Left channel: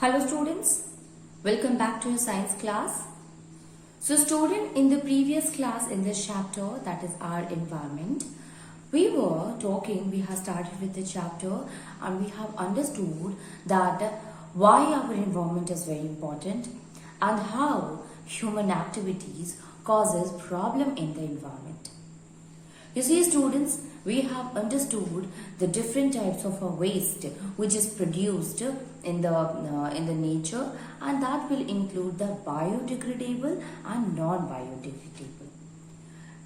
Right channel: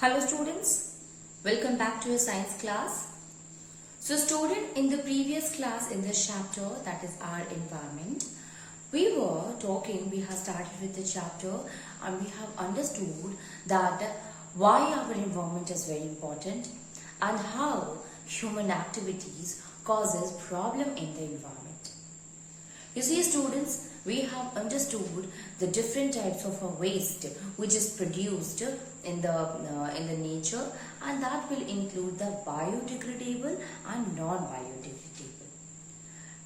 Hello students, welcome back to your science class. So student, in the previous class in this chapter, that is our environment, we have started with the chapter and we have understood that why our environment is very important and how human activities causes problem in the environment. You see students, we have understood the different types of waste which is produced in the nature, and that will include the biodegradable and non-biodegradable.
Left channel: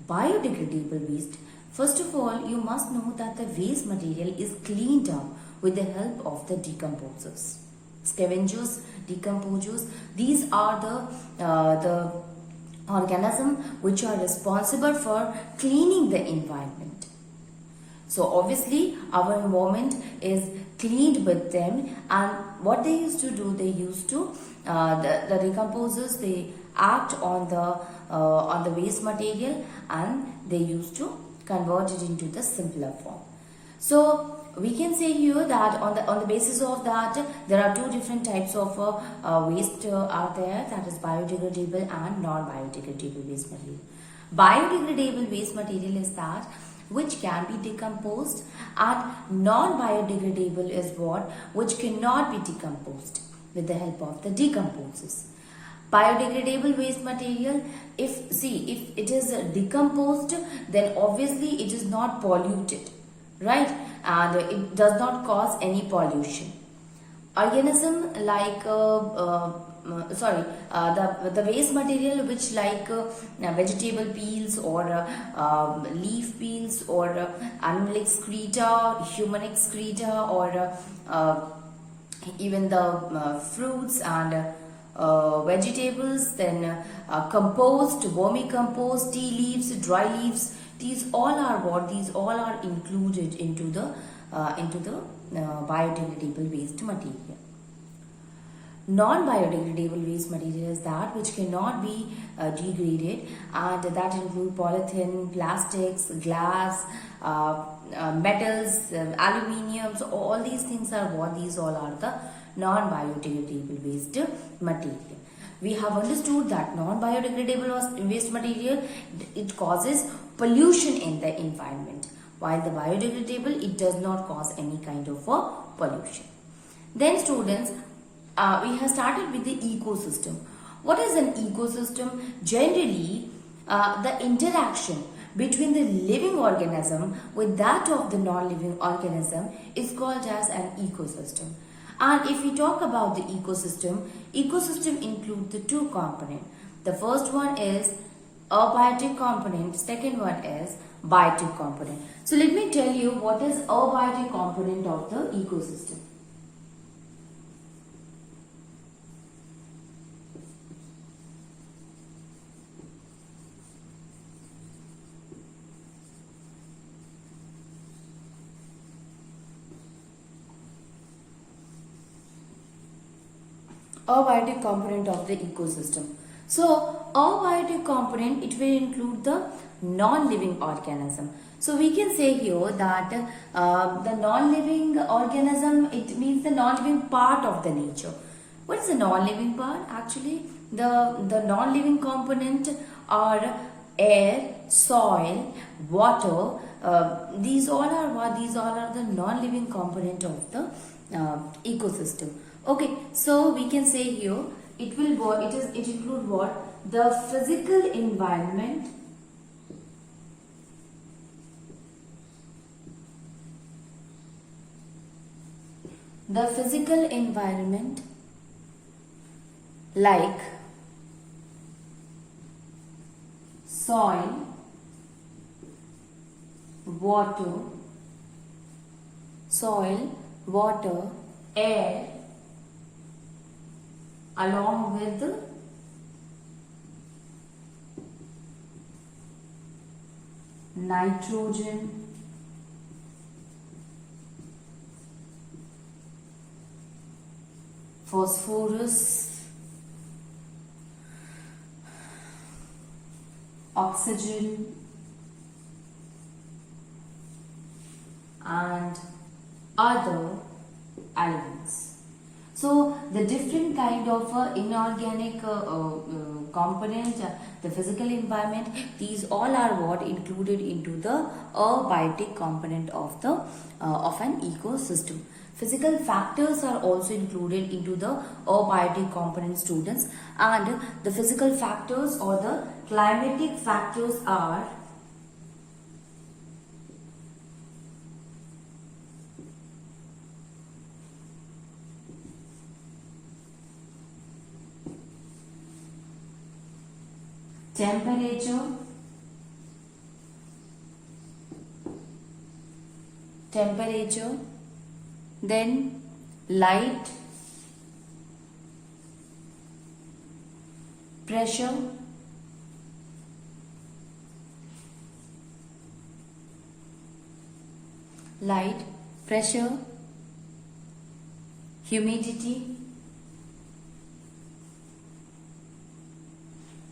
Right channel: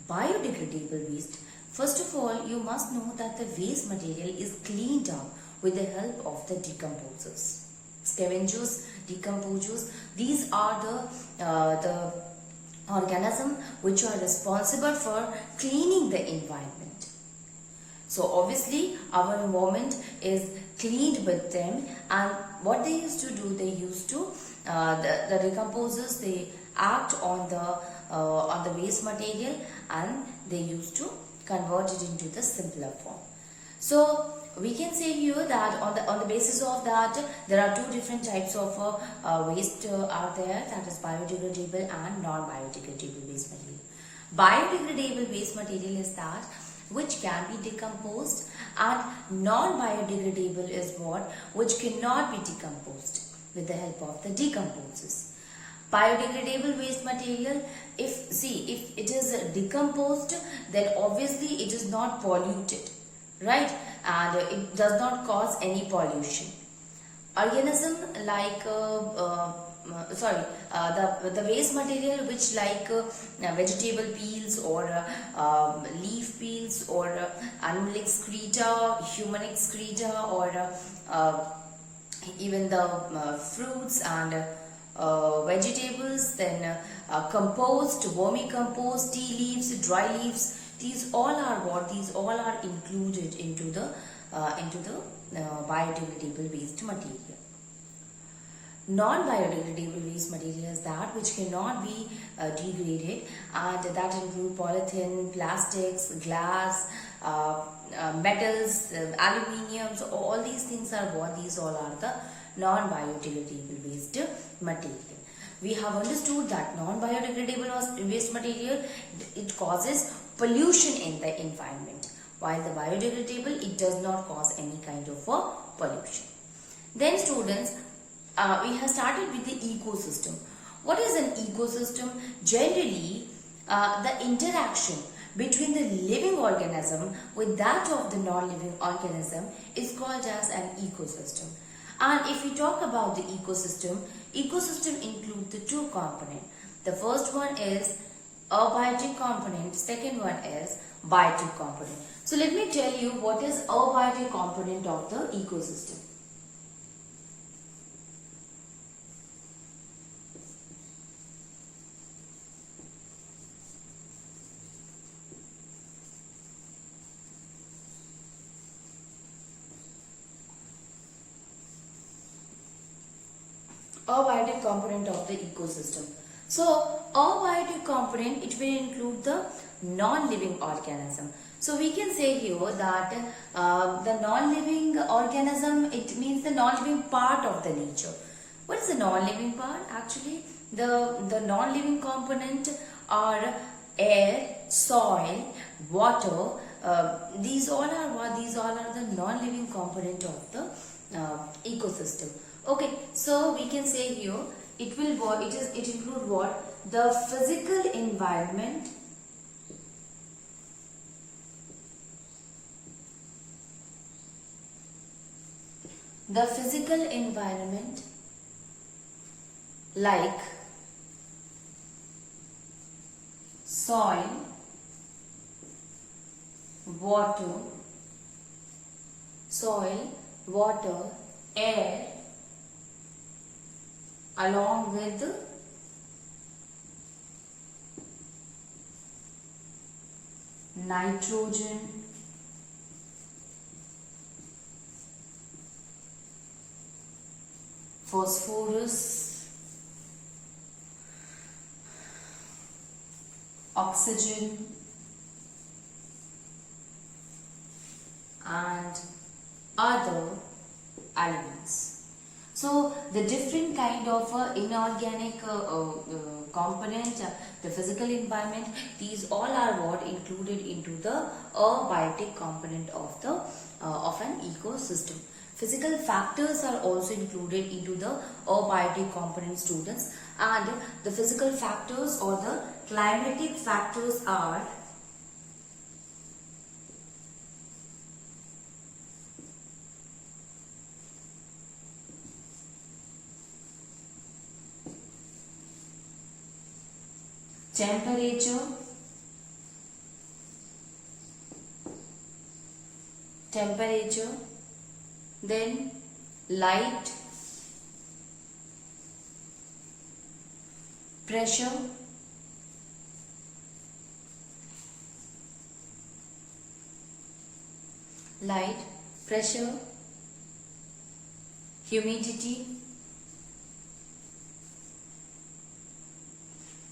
Biodegradable waste, first of all, you must know that the waste material is cleaned up with the help of the decomposers. Scavengers, decomposers, these are the organisms which are responsible for cleaning the environment. So obviously our environment is cleaned with them, and what they used to do, they used to the decomposers, they act on the waste material and they used to convert it into the simpler form. So we can say here that on the basis of that, there are two different types of waste are there, that is biodegradable and non-biodegradable waste material. Biodegradable waste material is that which can be decomposed, and non-biodegradable is what which cannot be decomposed with the help of the decomposers. Biodegradable waste material, if it is decomposed, then obviously it is not polluted, right, and it does not cause any pollution. Organism like the waste material which like vegetable peels or leaf peels or animal excreta, human excreta, or even the fruits and vegetables, then compost, vermicompost, tea leaves, dry leaves, these all are what? These all are included into the biodegradable waste material. Non-biodegradable waste material is that which cannot be degraded, and that include polythene, plastics, glass, metals, aluminium. So all these things are what? These all are the non-biodegradable waste material. We have understood that non-biodegradable waste material, it causes pollution in the environment, while the biodegradable, it does not cause any kind of pollution. Then students, we have started with the ecosystem. What is an ecosystem? Generally, the interaction between the living organism with that of the non-living organism is called as an ecosystem. And if we talk about the ecosystem includes the two components. The first one is abiotic component, second one is biotic component. So let me tell you what is abiotic component of the ecosystem. Abiotic component of the ecosystem. So abiotic component, it will include the non-living organism. So we can say here that the non-living organism, it means the non-living part of the nature. What is the non-living part? Actually, the non-living component are air, soil, water. These all are what? These all are the non-living component of the ecosystem. Okay, so we can say here it include what? The physical environment, like soil, water, air, along with nitrogen, phosphorus, oxygen, and other elements. So the different kind of inorganic component, the physical environment, these all are what included into the abiotic component of the of an ecosystem. Physical factors are also included into the abiotic component, students, and the physical factors or the climatic factors are temperature, then light, pressure, humidity.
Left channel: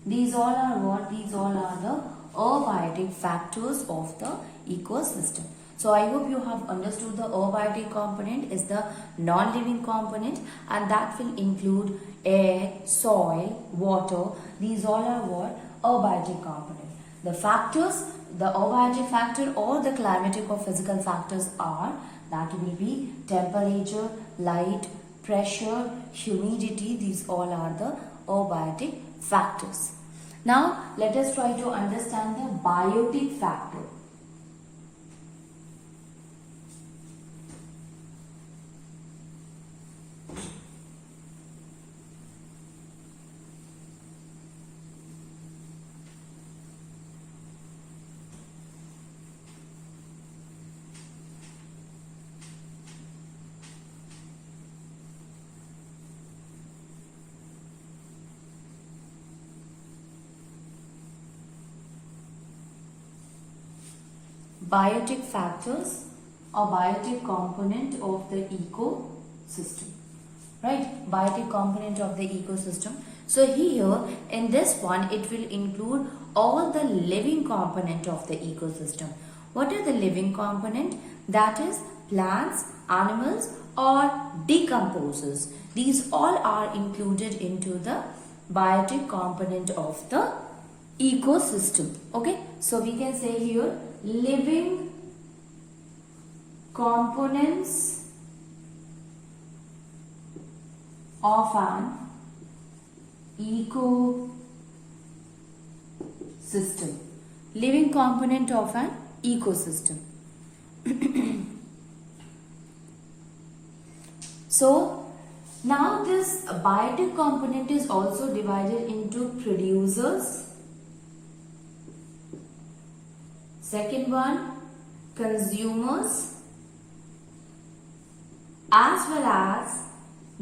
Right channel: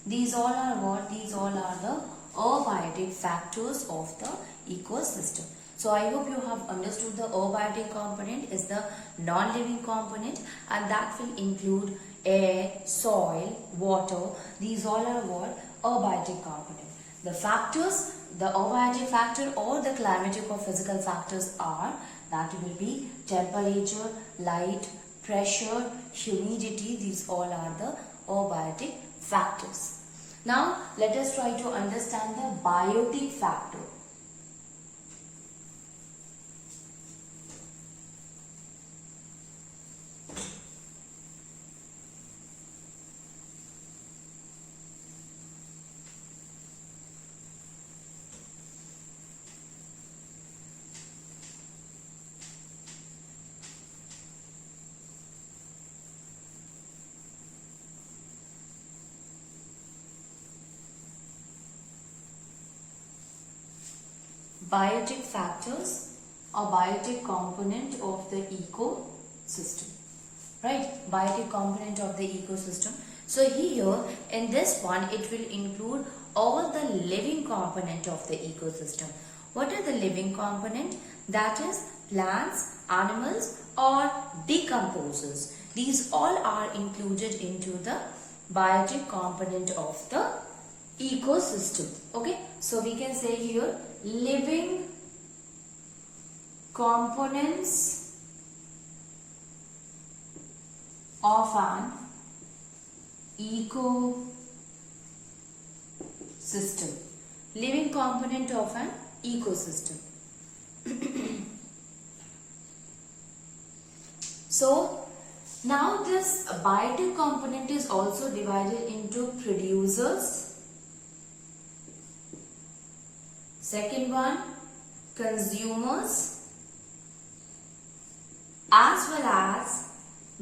These all are what? These all are the abiotic factors of the ecosystem. So I hope you have understood the abiotic component is the non-living component, and that will include air, soil, water. These all are what? Abiotic component. The factors, the abiotic factor or the climatic or physical factors are, that will be temperature, light, pressure, humidity. These all are the abiotic factors. Now let us try to understand the biotic factor. Biotic factors or biotic component of the ecosystem, right? Biotic component of the ecosystem. So here in this one, it will include all the living component of the ecosystem. What are the living component? That is plants, animals or decomposers. These all are included into the biotic component of the ecosystem. Okay, so we can say here living components of an ecosystem. Living component of an ecosystem. So now this biotic component is also divided into producers. Second one, consumers, as well as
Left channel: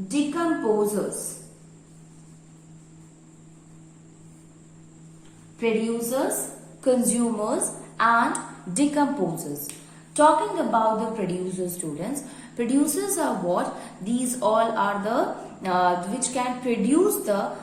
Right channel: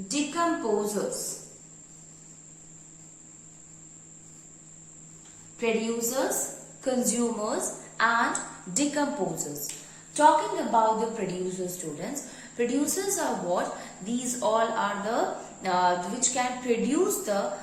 decomposers. Producers, consumers and decomposers. Talking about the producers, students, producers are what? These all are the which can produce the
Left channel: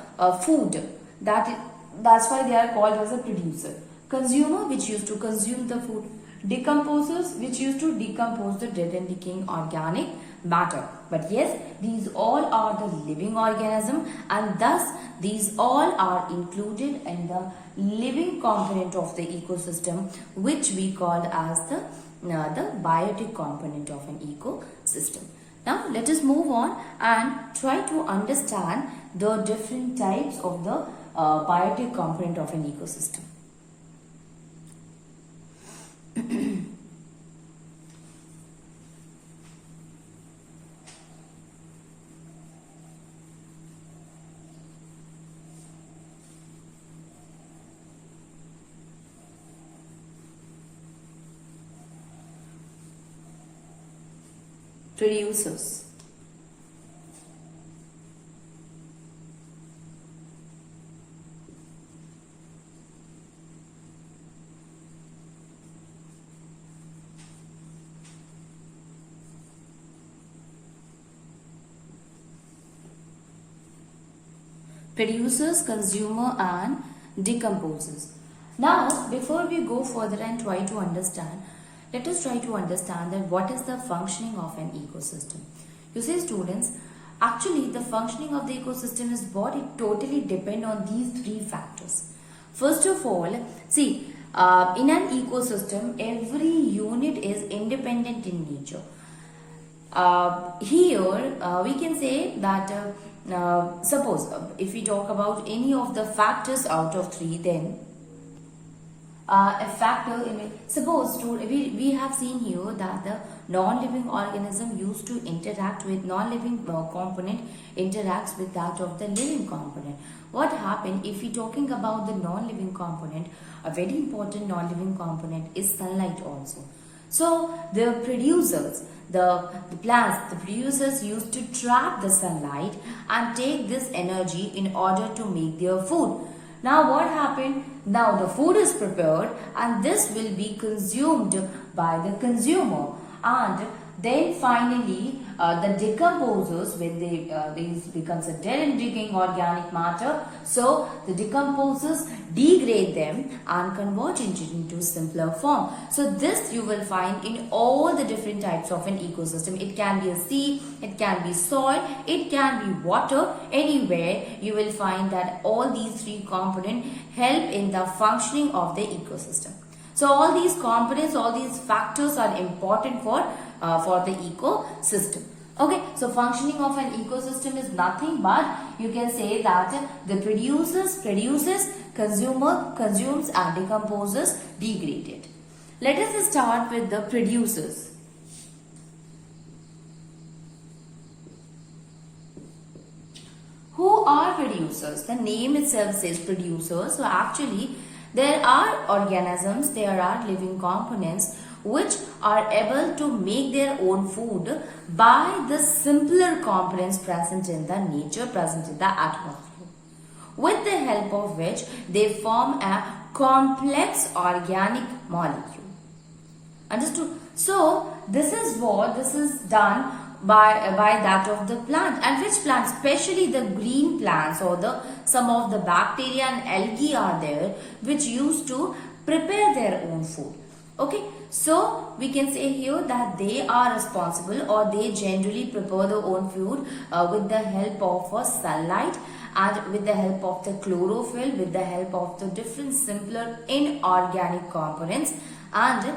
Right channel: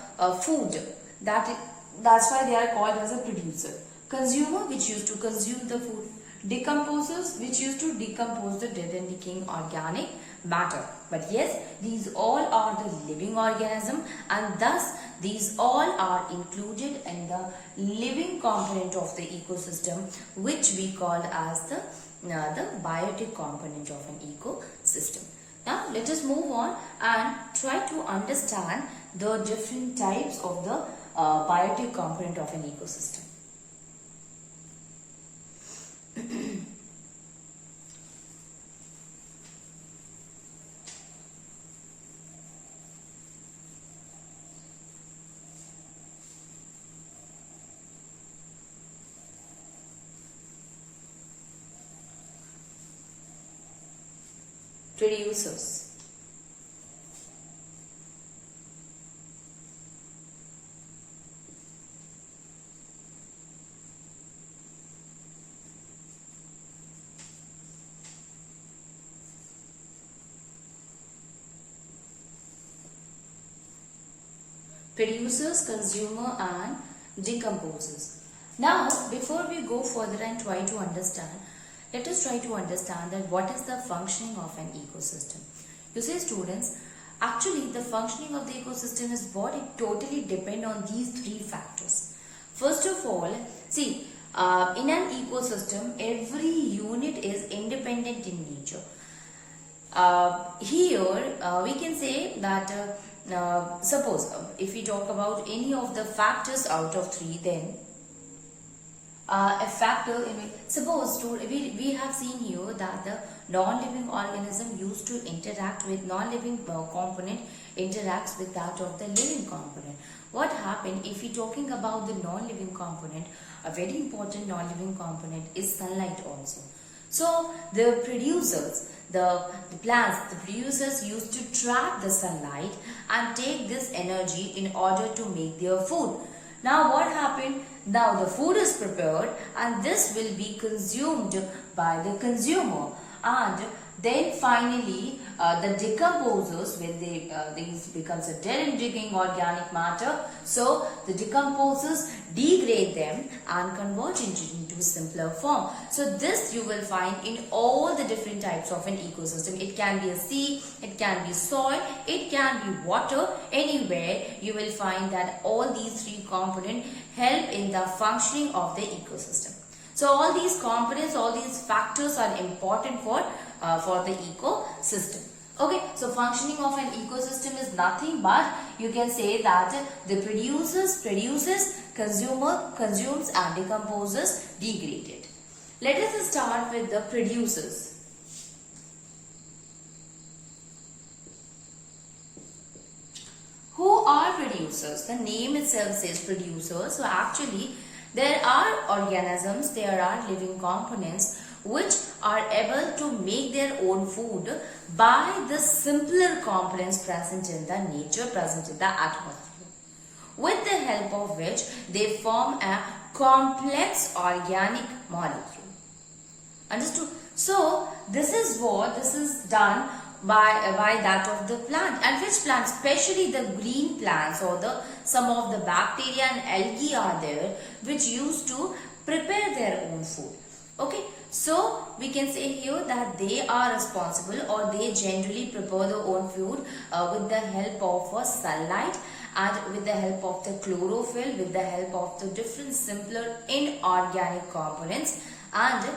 food. That's why they are called as a producer. Consumer, which used to consume the food. Decomposers, which used to decompose the dead and decaying organic matter. But yes, these all are the living organism, and thus these all are included in the living component of the ecosystem, which we call as the biotic component of an ecosystem. Now let us move on and try to understand the different types of the biotic component of an ecosystem. Producers. Producers, consumer and decomposers. Now, before we go further and try to understand, let us try to understand that what is the functioning of an ecosystem. You see, students, Actually, the functioning of the ecosystem is what it totally depends on these three factors. First of all, see, in an ecosystem, every unit is independent in nature. Here, we can say that suppose if we talk about any of the factors out of three, then a factor in it. Suppose we have seen here that the non-living organism used to interact with non-living component interacts with that of the living component. What happened if we talking about the non-living component? A very important non-living component is sunlight also. So the producers, the plants, the producers used to trap the sunlight and take this energy in order to make their food. Now what happened? Now the food is prepared and this will be consumed by the consumer, and then finally the decomposers, when these becomes a dead and decaying organic matter, so the decomposers degrade them and convert it into simpler form. So this you will find in all the different types of an ecosystem. It can be a sea, it can be soil, it can be water. Anywhere you will find that all these three components help in the functioning of the ecosystem. So all these components, all these factors are important for the ecosystem. Okay, so functioning of an ecosystem is nothing but you can say that the produces, consumer consumes, and decomposes, degrade it. Let us start with the producers. Who are producers? The name itself says producers. So actually there are organisms, there are living components which are able to make their own food by the simpler components present in the nature, present in the atmosphere, with the help of which they form a complex organic molecule. Understood? So this is done by that of the plant. And which plants? Especially the green plants, or some of the bacteria and algae are there which used to prepare their own food. Okay, so we can say here that they are responsible, or they generally prepare their own food with the help of sunlight, and with the help of the chlorophyll, with the help of the different simpler inorganic components, and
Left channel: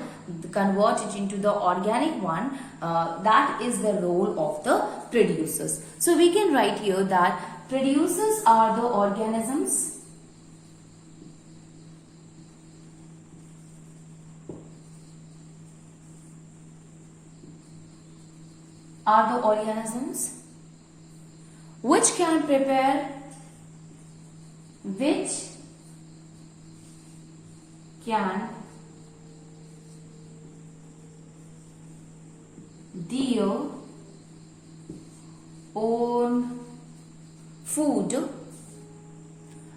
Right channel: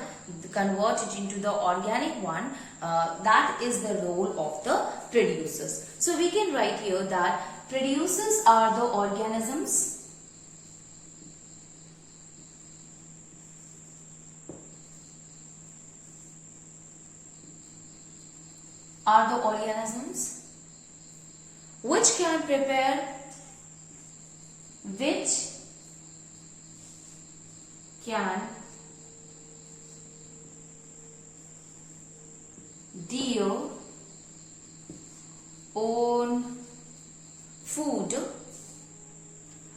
convert it into the organic one. That is the role of the producers. So we can write here that producers are the organisms which can prepare their own food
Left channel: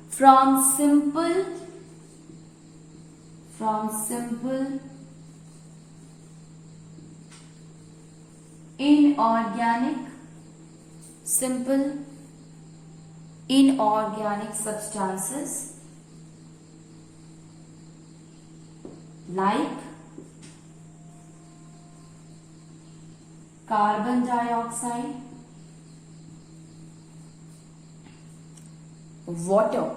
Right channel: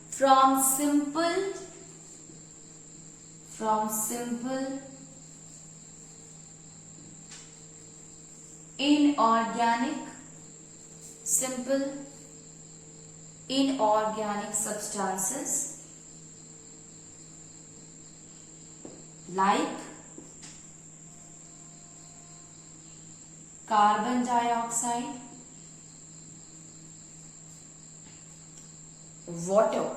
from simple inorganic substances like carbon dioxide, water,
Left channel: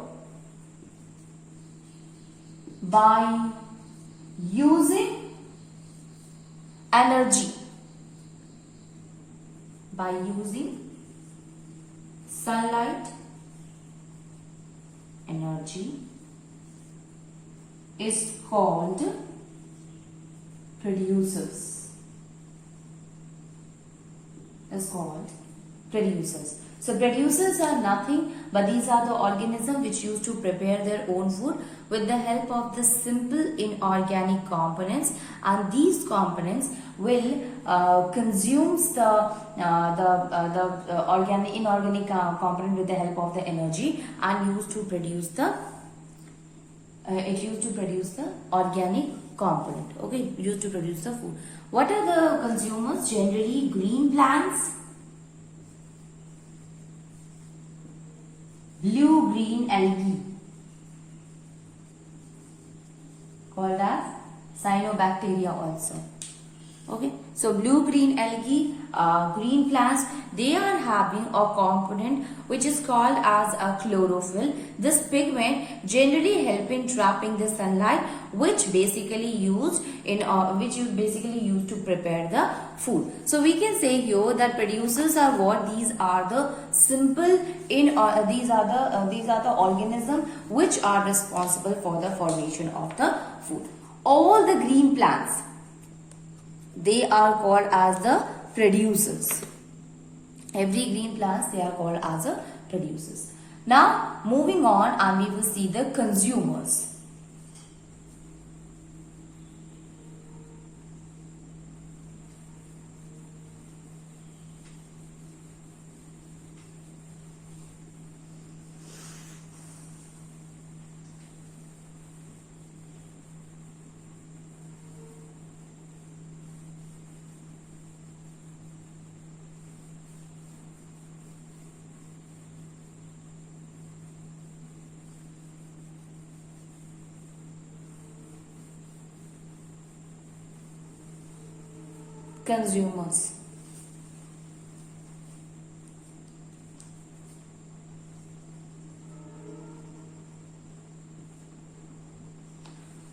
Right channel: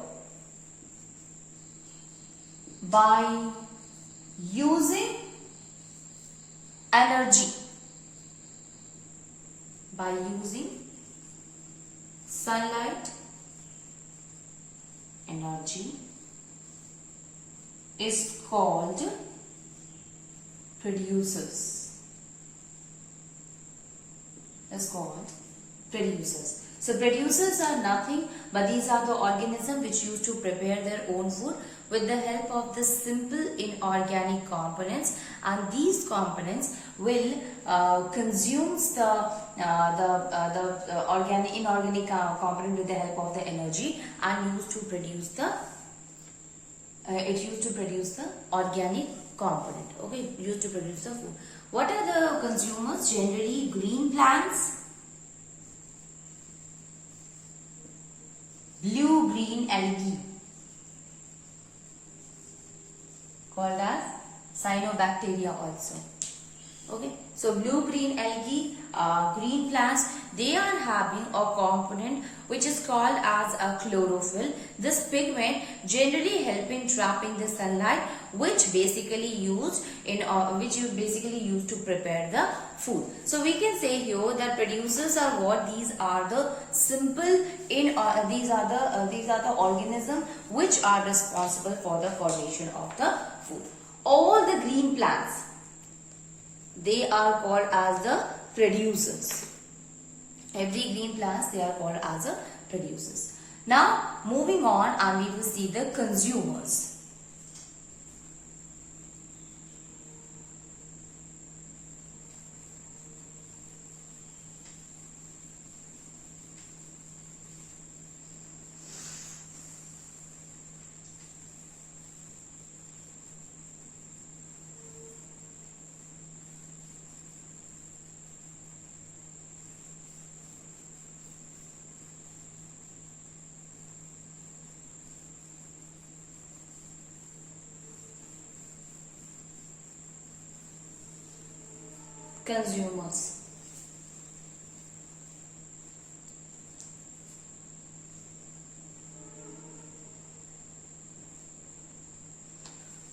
by using energy, by using sunlight energy, is called producers. So producers are nothing but these are the organisms which used to prepare their own food with the help of the simple inorganic components, and these components will consume the inorganic component with the help of the energy, and used to produce the organic component. Okay, used to produce the food. What are the consumers? Generally green plants, blue-green algae called as cyanobacteria also. Okay, so blue-green algae, green plants, they are having a component which is called as a chlorophyll. This pigment generally help in trapping the sunlight, which basically used in which you basically use to prepare the food. So we can say here that producers are what? These are the simple in these are the organisms which are responsible for the formation of the food. All the green plants, they are called as the producers. Every green plants, they are called as the producers. Now moving on, and we will see the consumers. Consumers.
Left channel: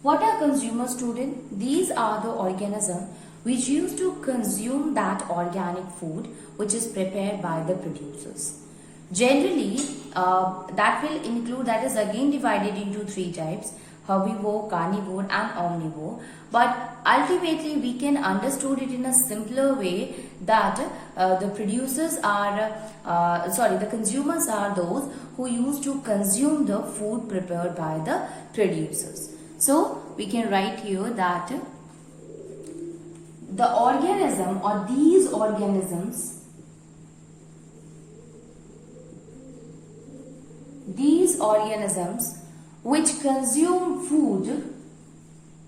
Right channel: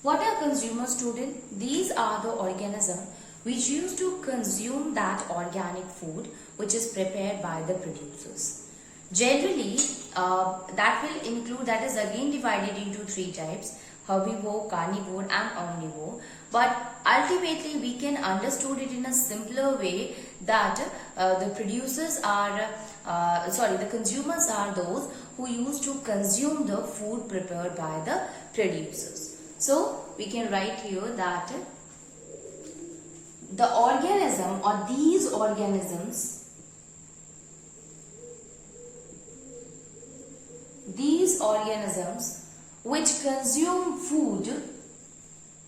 What are consumers, student? These are the organisms which used to consume that organic food which is prepared by the producers. Generally, that will include, that is again divided into three types: herbivore, carnivore and omnivore. But ultimately we can understand it in a simpler way that the consumers are those who used to consume the food prepared by the producers. So we can write here that the organism or these organisms, which consume food prepared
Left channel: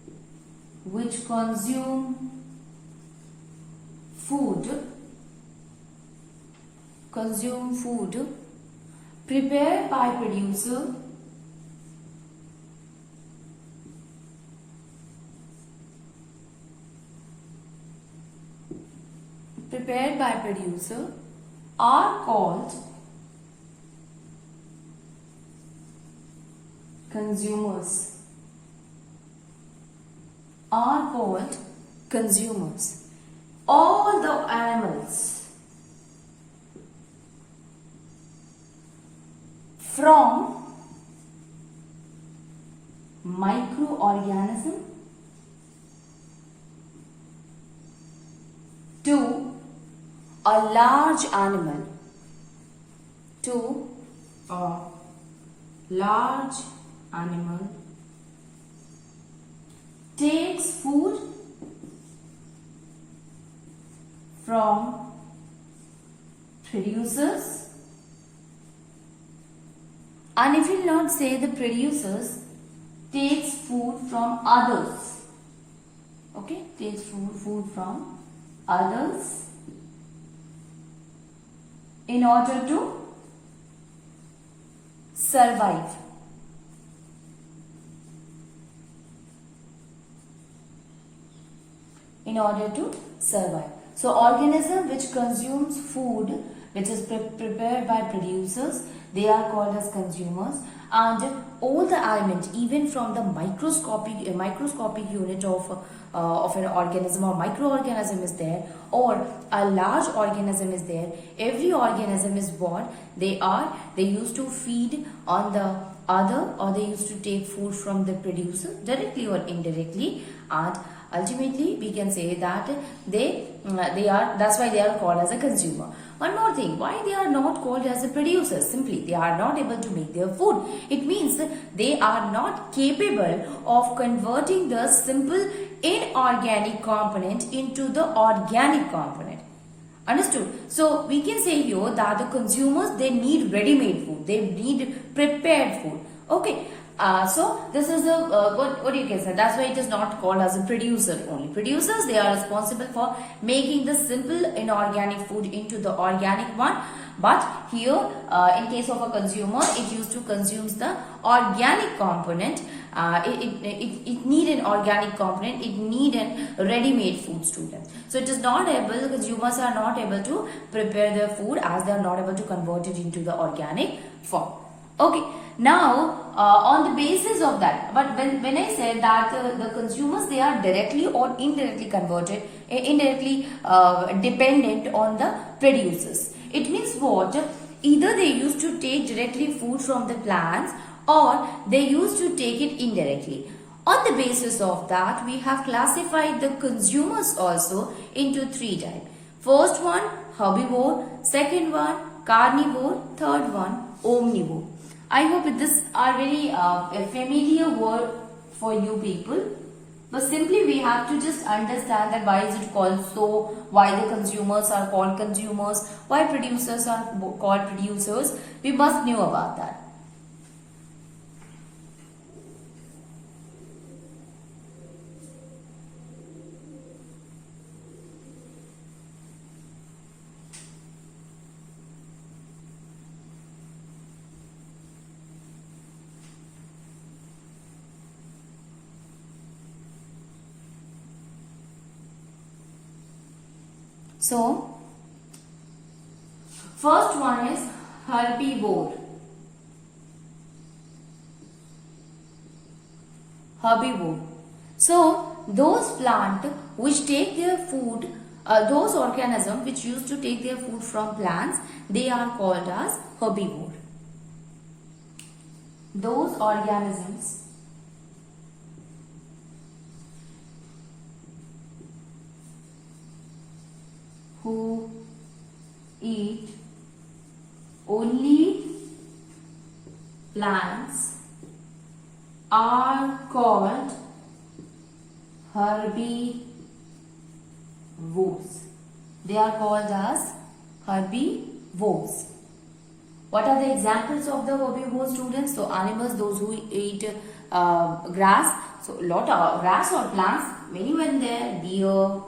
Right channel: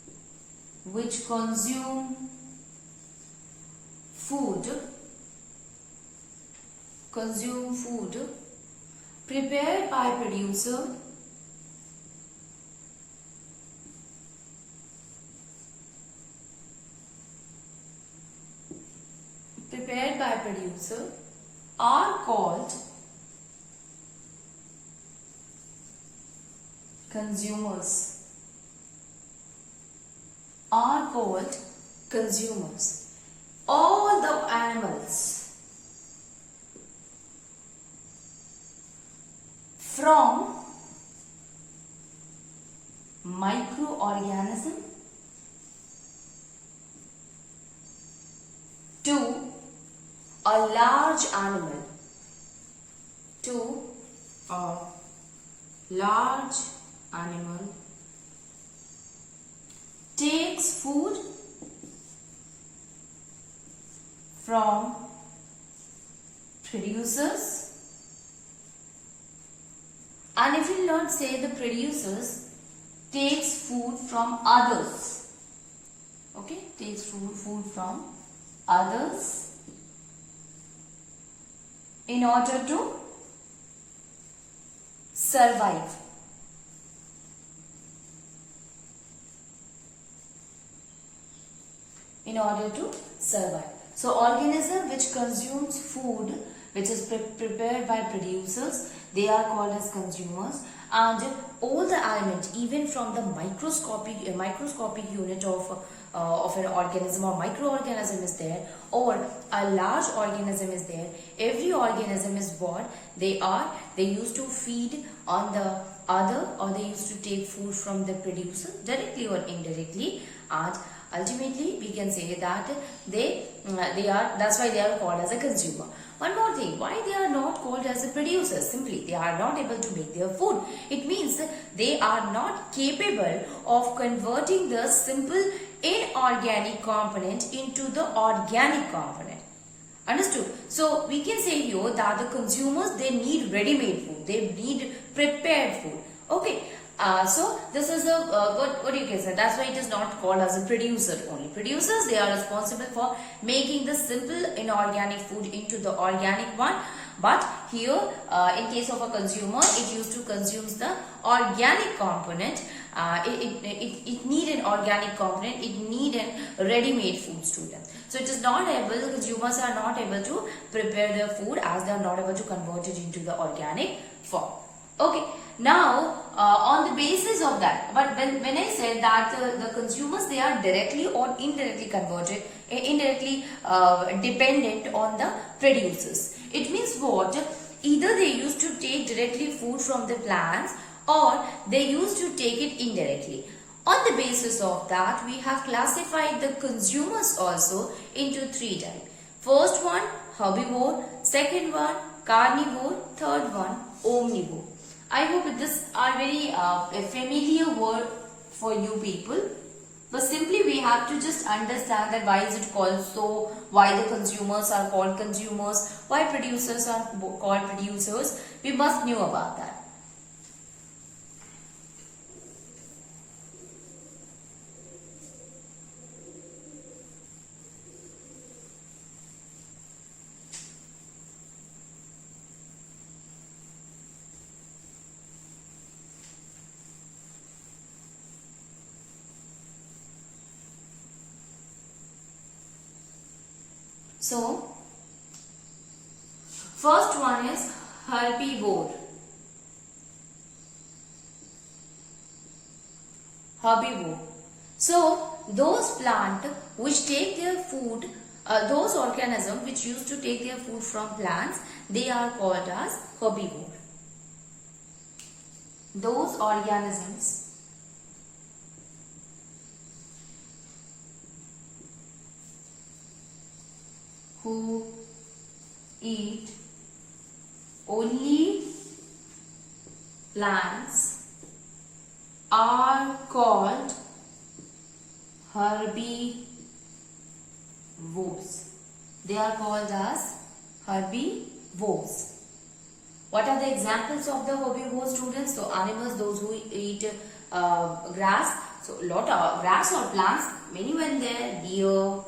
by producer, are called consumers. All the animals from microorganism to a large animal, takes food from producers. And if you not say the producers, takes food from others. Okay, takes food from others in order to survive. So organism which consumes food which is prepared by producers, they are called as consumers. And all the elements, even from the microscopic unit of an organism or microorganism is there, or a large organism is there, every organism is born, they used to feed on the other, or they used to take food from the producer directly or indirectly, and ultimately we can say that that's why they are called as a consumer. One more thing, why they are not called as a producers? Simply they are not able to make their food. It means they are not capable of converting the simple inorganic component into the organic component. Understood? So we can say here that the consumers, they need ready-made food, they need prepared food. Okay. So this is a what you can say, that's why it is not called as a producer only. Producers, they are responsible for making the simple inorganic food into the organic one. But here in case of a consumer, it used to consume the organic component it need an organic component, it need a ready-made food, student. So it is not able, the consumers are not able to prepare their food as they are not able to convert it into the organic form. Okay, now on the basis of that, but when I said that the consumers, they are directly or indirectly converted, indirectly dependent on the producers. It means what? Either they used to take directly food from the plants or they used to take it indirectly. On the basis of that, we have classified the consumers also into three types. First one, herbivore. Second one, carnivore. Third one, omnivore. I hope this are very a familiar word for you people. But simply we have to just understand that why is it called so, why the consumers are called consumers, why producers are called producers. We must know about that. So, first one is herbivore. Herbivore. So, those plants which take their food, those organisms which used to take their food from plants, they are called as herbivore. Those organisms who eat only plants are called herbivores. They are called as herbivores. What are the examples of the herbivore, students? So animals, those who eat grass. So lot of grass or plants, many were there. Deer,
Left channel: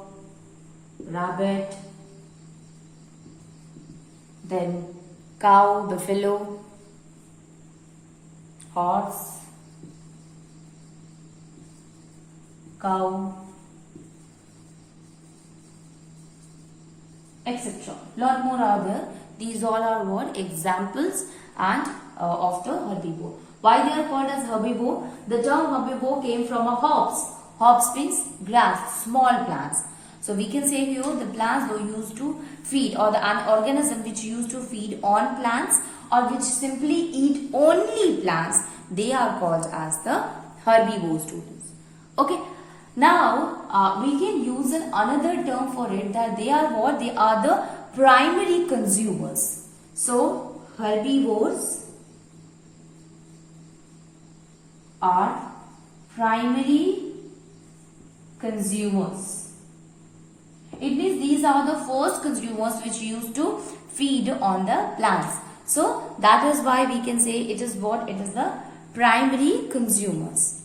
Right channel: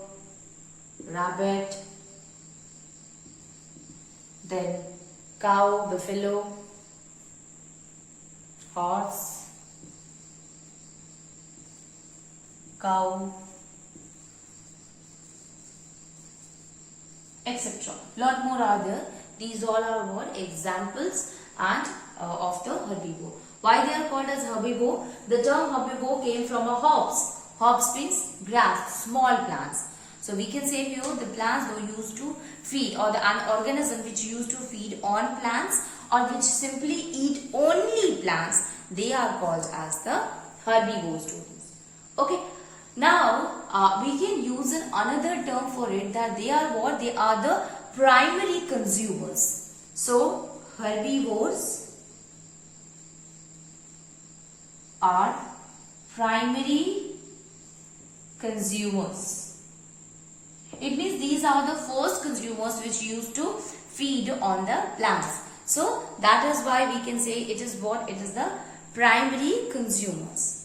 rabbit, then cow, buffalo, horse, cow, etc. Lot more are there. These all are what? Examples and of the herbivore. Why they are called as herbivore? The term herbivore came from a hops. Hops means grass, small plants. So we can say here the plants were used to feed, or an organism which used to feed on plants or which simply eat only plants, they are called as the herbivore, students. Okay. Now we can use another term for it, that they are what? They are the primary consumers. So herbivores are primary consumers. It means these are the first consumers which used to feed on the plants. So that is why we can say it is what? It is the primary consumers.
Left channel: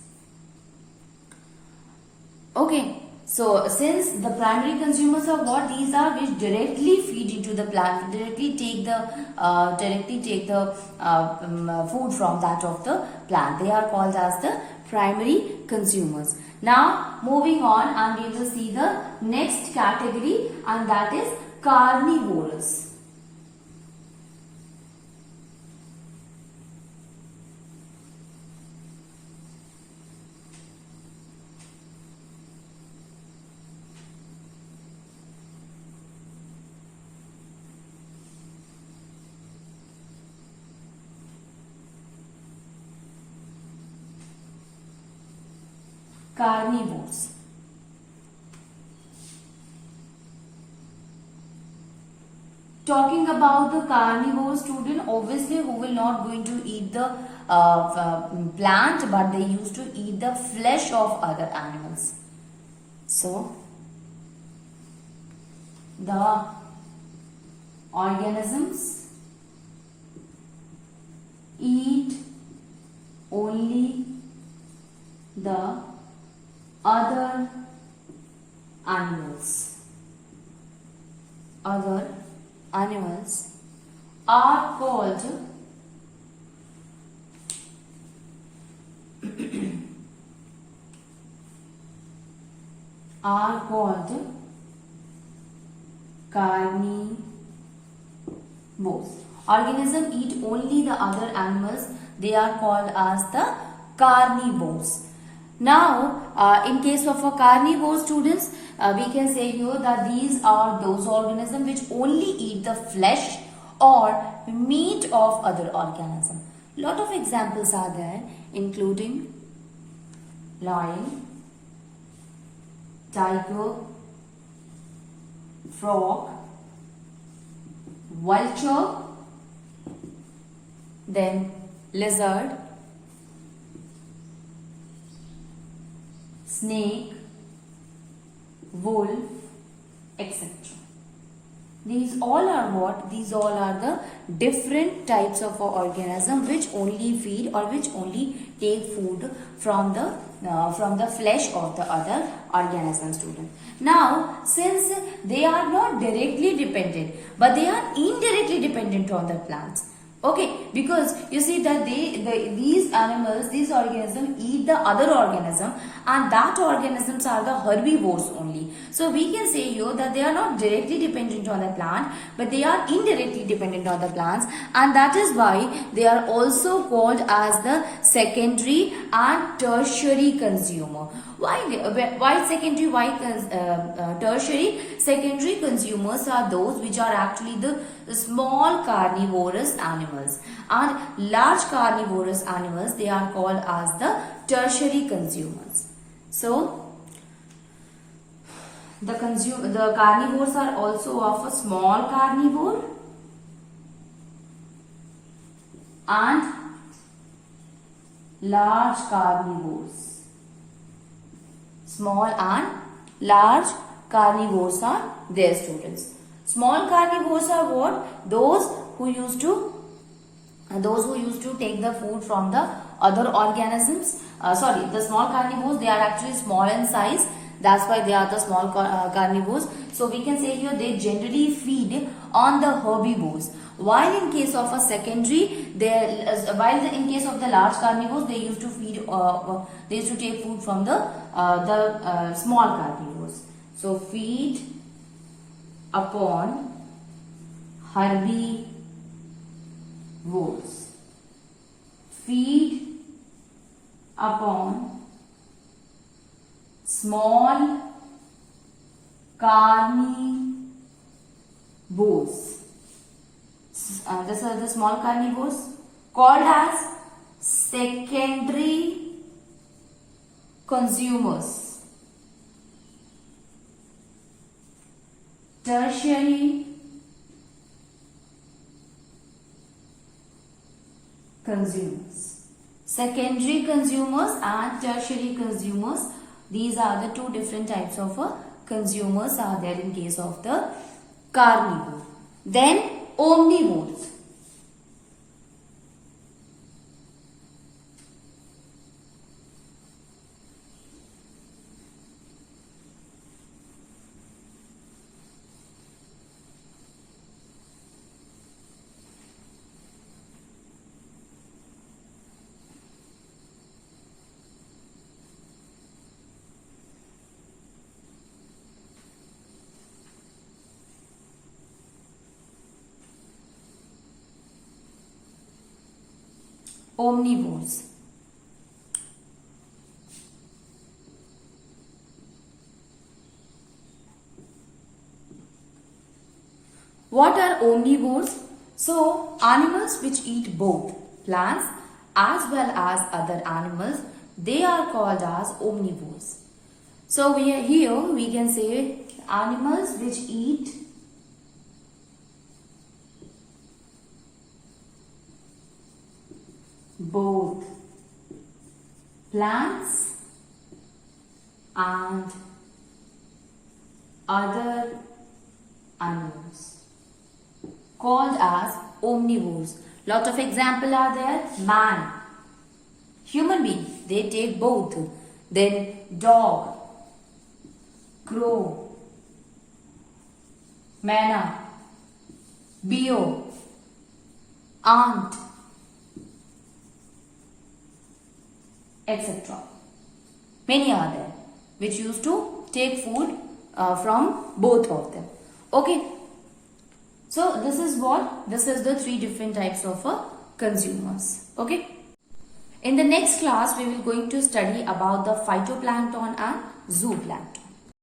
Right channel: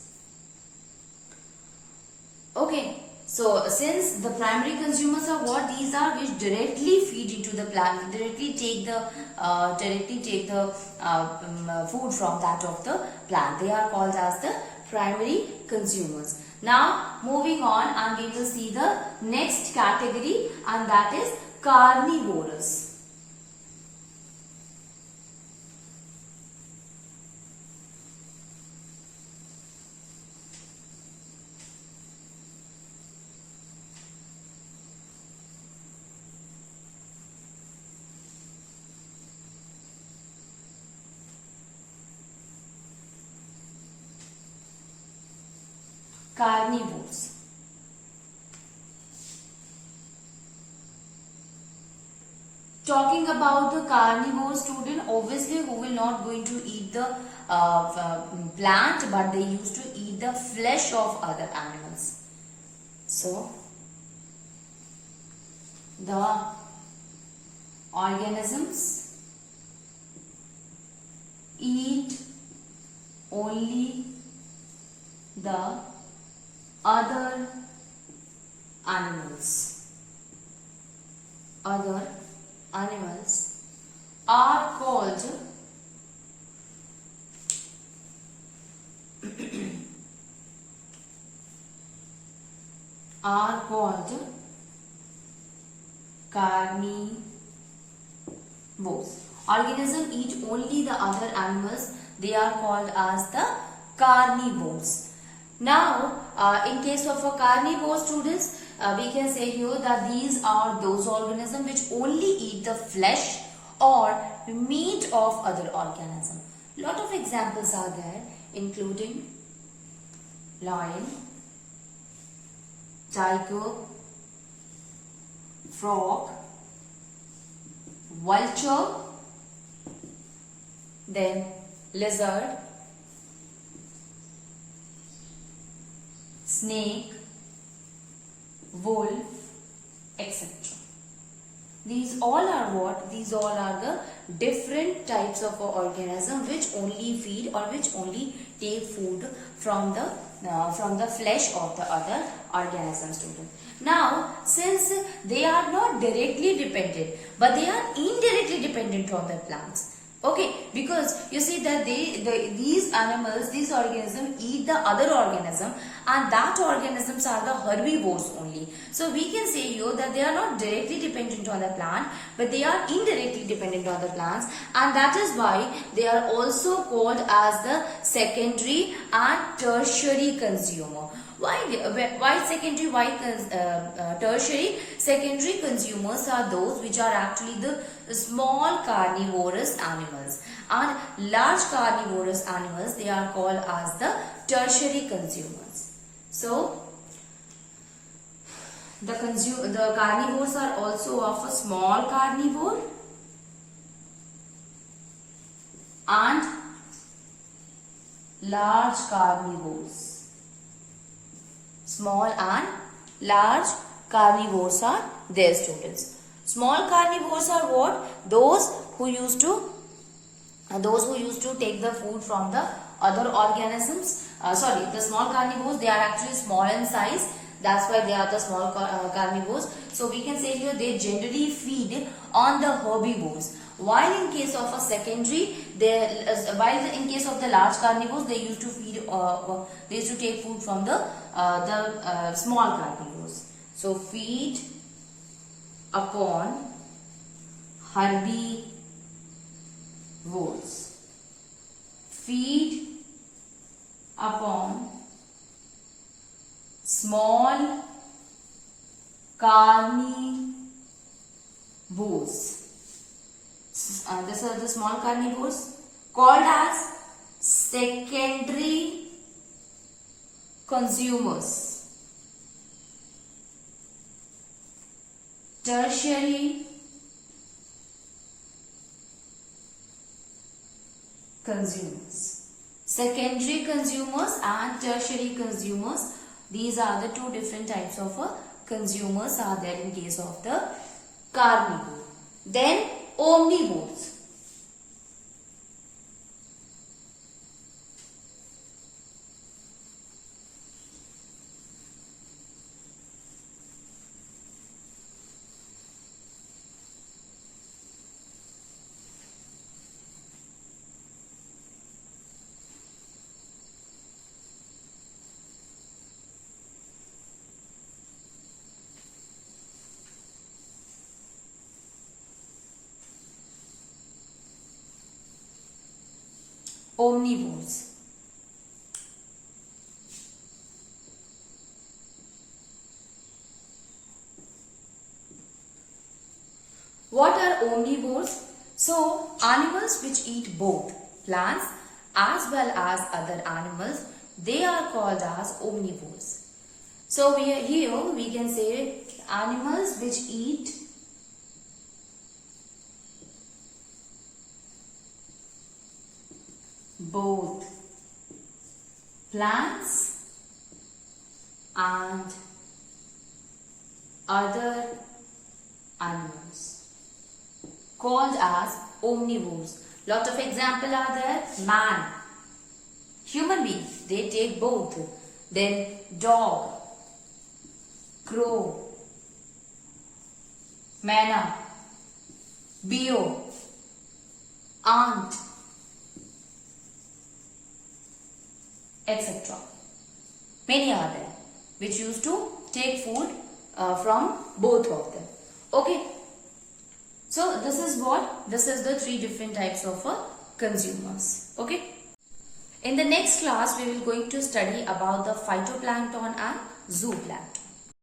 Okay. So since the primary consumers are what? These are which directly feed into the plant, directly take the food from that of the plant. They are called as the primary consumers. Now moving on, and we will see the next category, and that is carnivorous. Carnivores. Talking about the carnivore, student, obviously who will not going to eat the plant, but they used to eat the flesh of other animals. So the organisms eat only the other animals. Other animals are called are called carnivores. Organisms eat only the other animals. They are called as the carnivores. Now, in case of a carnivore, students, we can say here that these are those organisms which only eat the flesh or meat of other organisms. Lot of examples are there, including lion, tiger, frog, vulture, then lizard, snake, wolf, etc. These all are what? These all are the different types of organism which only feed or which only take food from the flesh of the other organism, student. Now, since they are not directly dependent, but they are indirectly dependent on the plants. Okay, because you see that these animals, these organisms eat the other organism, and that organisms are the herbivores only. So we can say here that they are not directly dependent on the plant, but they are indirectly dependent on the plants, and that is why they are also called as the secondary and tertiary consumer. Why secondary? Why tertiary? Secondary consumers are those which are actually the small carnivorous animals, and large carnivorous animals, they are called as the tertiary consumers. So the carnivores are also of a small carnivore and large carnivores. Small and large carnivores are their students. Small carnivores are what? Those who used to take the food from the other organisms. The small carnivores, they are actually small in size. That's why they are the small carnivores. So we can say here they generally feed on the herbivores. While in case of a secondary, in case of the large carnivores, they used to feed. They used to take food from the small carnivores. So feed upon herbivores. Feed upon small carnivores. These are the small carnivores called as secondary consumers. Tertiary consumers. Secondary consumers and tertiary consumers. These are the two different types of consumers are there in case of the carnivore. Then omnivores. Omnivores. What are omnivores? So, animals which eat both plants as well as other animals, they are called as omnivores. So, here we can say animals which eat both plants and other animals, called as omnivores. Lot of examples are there. Man, human being, they take both. Then dog, crow, manna, bear, ant, etc. Many are there which used to take food from both of them. Okay. So this is what? This is the three different types of consumers. Okay. In the next class, we will going to study about the phytoplankton and zooplankton.